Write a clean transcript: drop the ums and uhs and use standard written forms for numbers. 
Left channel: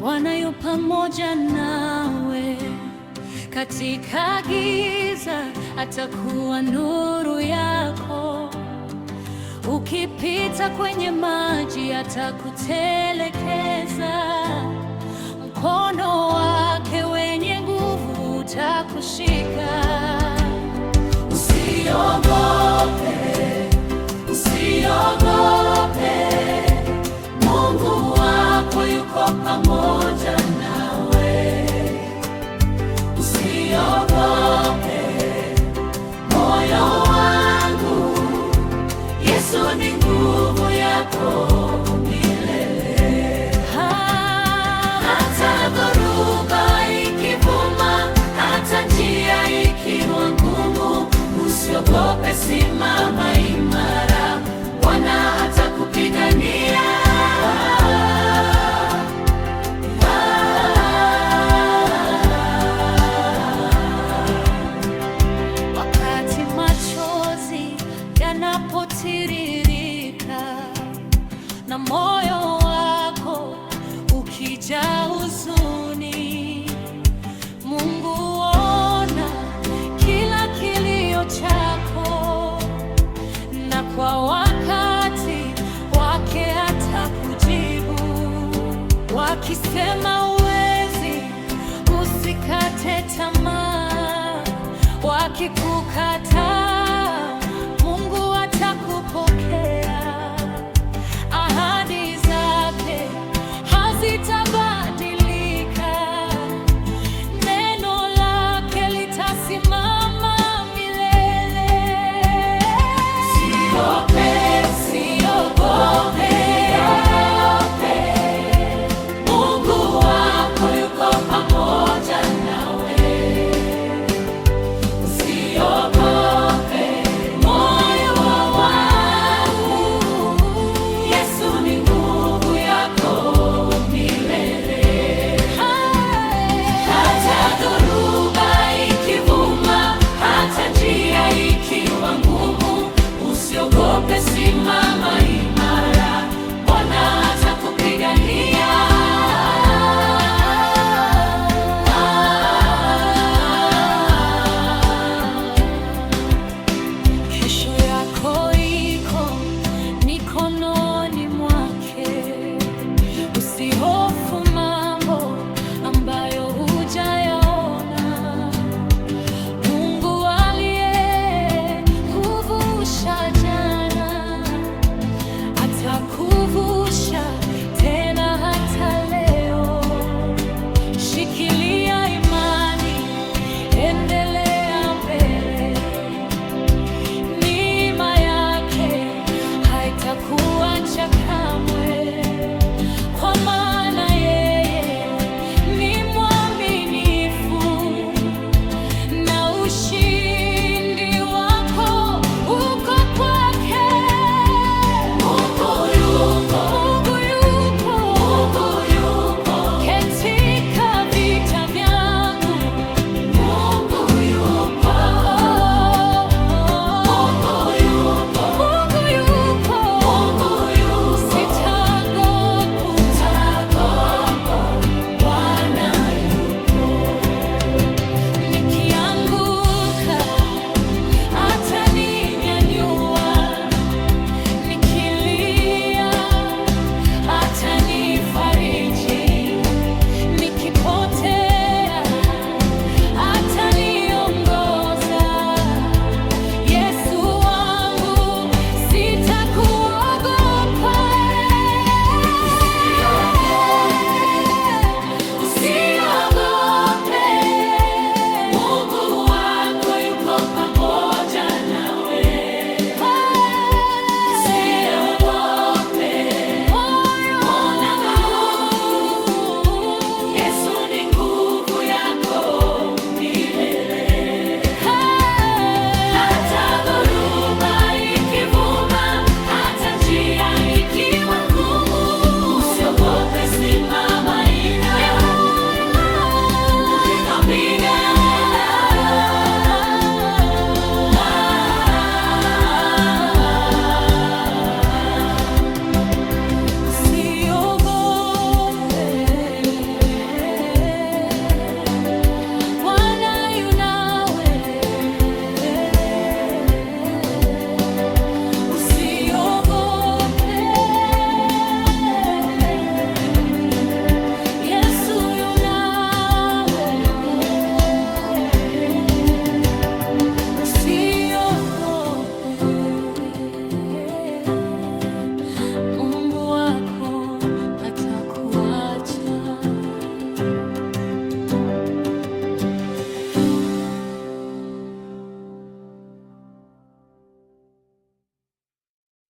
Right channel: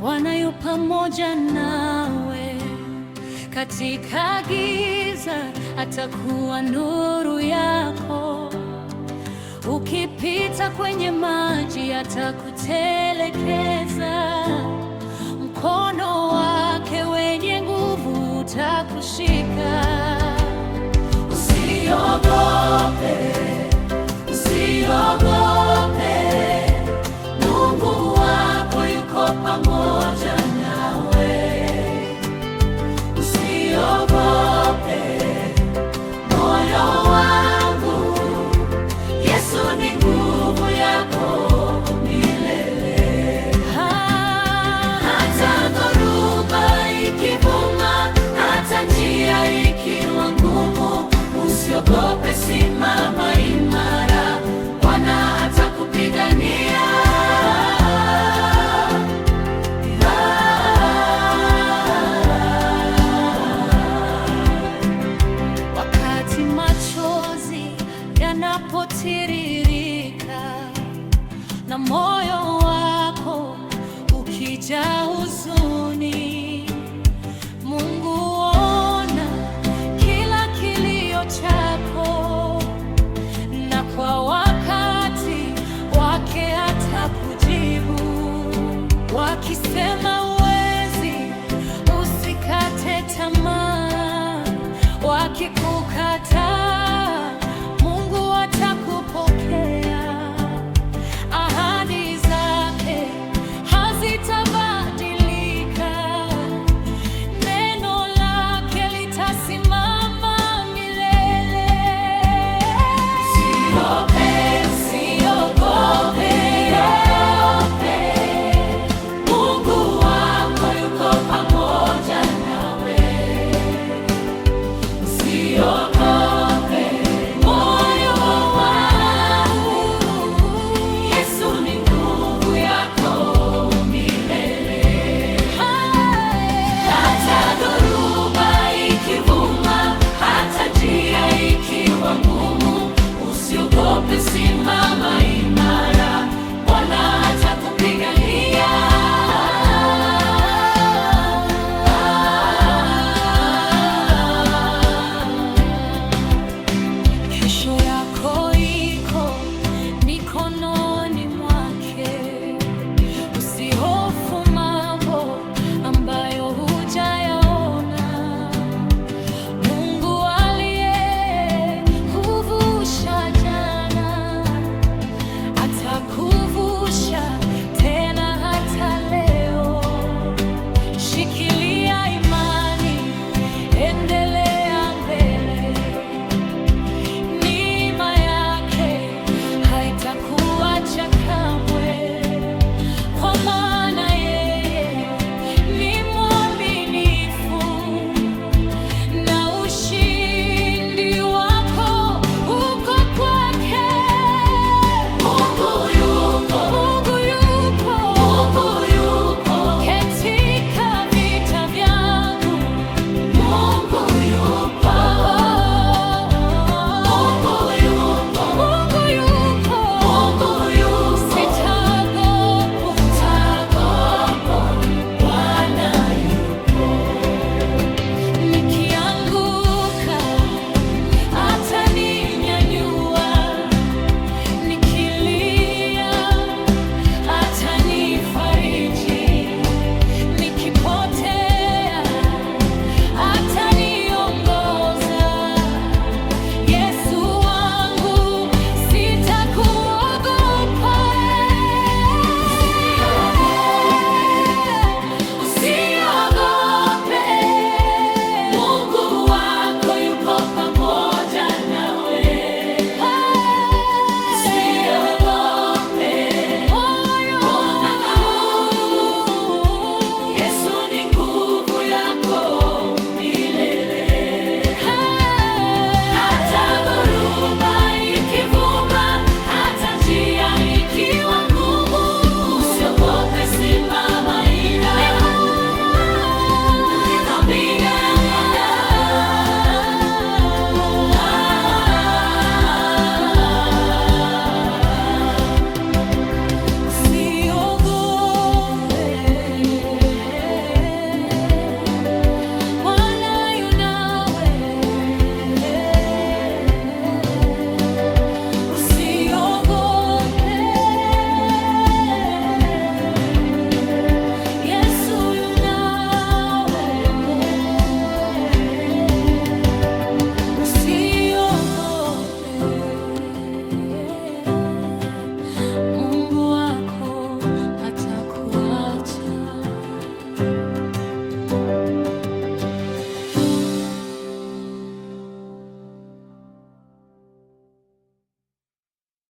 Bwana yu pamoja nawe. Katika giza atakuwa nuru yako. Ukipita kwenye maji atakutelekeza. Mkono wake wenye nguvu utakushika. Usiogope, usiogope, Mungu wako yuko pamoja nawe. Usiogope, moyo wangu, Yesu ni nguvu yako milele. Hata dhoruba ikivuma, hata njia ikiwa ngumu, usiogope, simama imara, Bwana atakupigania. Wakati machozi yanapotiririka na moyo wako ukijaa huzuni, Mungu ona kila kilio chako, na kwa wakati wake atakujibu. Wakisema huwezi, usikate tamaa. Wakikukataa, Mungu atakupokea. Ahadi zake hazitabadilika, neno lake litasimama milele. Usiogope, usiogope, Mungu wako yuko pamoja nawe. Usiogope, moyo wangu, Yesu ni nguvu yako milele. Hata dhoruba ikivuma, hata njia ikiwa ngumu, usiogope, simama imara, Bwana atakupigania. Kesho yako iko mikononi mwake. Usihofu mambo ambayo hujayaona. Mungu aliyekuvusha jana atakuvusha tena hata leo. Shikilia imani, endelea mbele. Neema yake haitakuacha kamwe, kwa maana